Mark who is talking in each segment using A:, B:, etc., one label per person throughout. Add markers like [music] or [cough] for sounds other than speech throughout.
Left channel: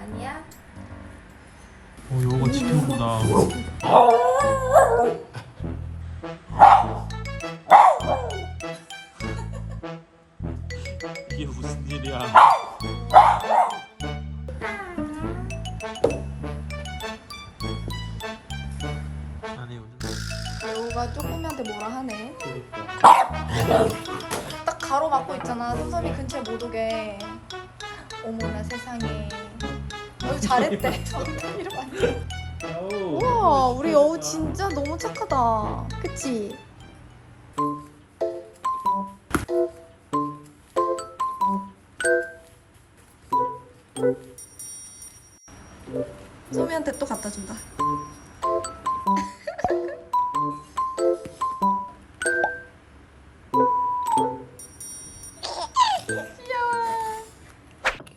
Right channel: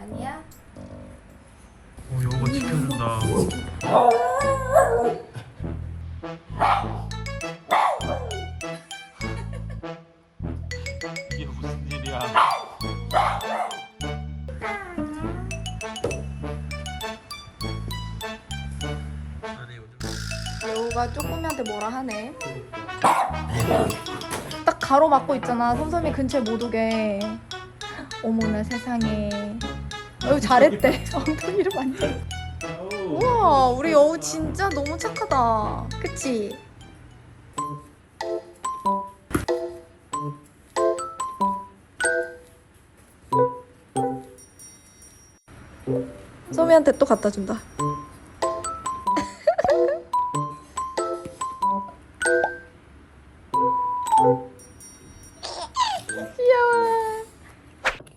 A: 아니야?
B: 어, 요거 치킨보다. 이게 무슨 일이야? 아니 오늘
A: 여우가 쪼꼬미한테 뭐라 하네. 딱 가로막고 있잖아. 손잡이 근처에 못 오게. 어머나 세상에. 여우 잘했대. [laughs] 엉덩이를 만져. 우와, 우리 여우 진짜 너무 착하다. 그치? 소미한테 또 갖다 준다. 귀여워.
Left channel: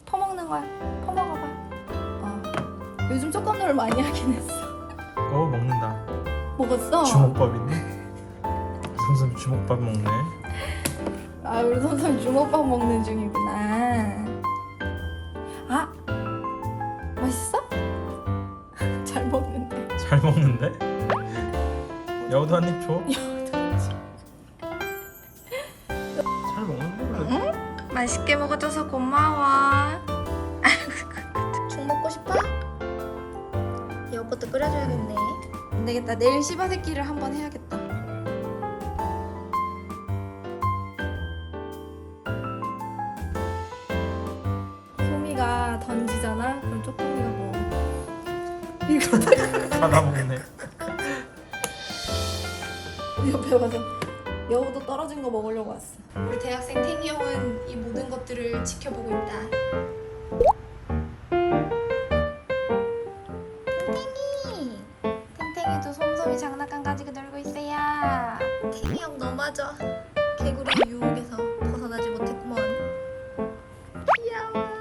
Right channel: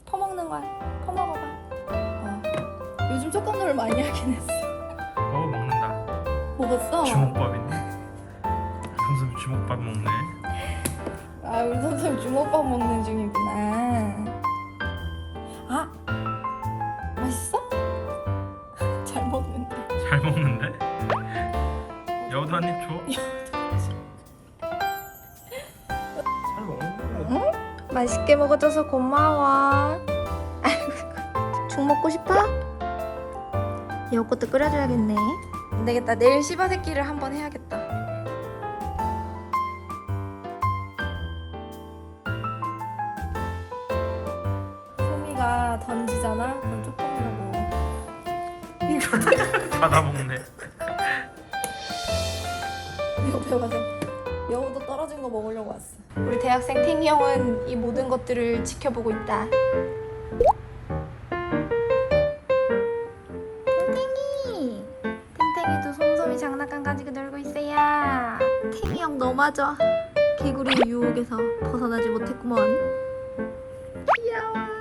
A: 퍼먹는 거야. 퍼먹어봐. 어. 요즘 촉감놀을 많이 하긴 했어.
B: 어 먹는다.
A: 먹었어?
B: 주먹밥이네. 삼삼 주먹밥 먹네.
A: 아, 우리 선생 주먹밥 먹는 중이구나. 아, 맛있어? [laughs] 잘 먹는데.
B: 잘 먹는데? 여우도 한 입 줘. 잘
A: 맛있게 먹어줘서 고마워. [laughs] 죽 먹고 싶어? 이것도 끓여줘야겠네. 안 되겠다. 내일 씨바 새끼를 한번 해야겠다. 소미가 던지잖아? 그럼 쪼꼬미가 뭐
B: 받아 먹네.
A: 옆에 와서 여우도 떨어진 거 먹으려고 왔어. 우리 대학생 팅이 형은 이 모든 것들을 지켜보고 있다. 탱탱이! 탱탱이도 솜솜이 장난감 가지고 놀고 있어요. 탱이 형 너마저 개구리 유혹에서 벗어나지 못했구먼. 귀여워.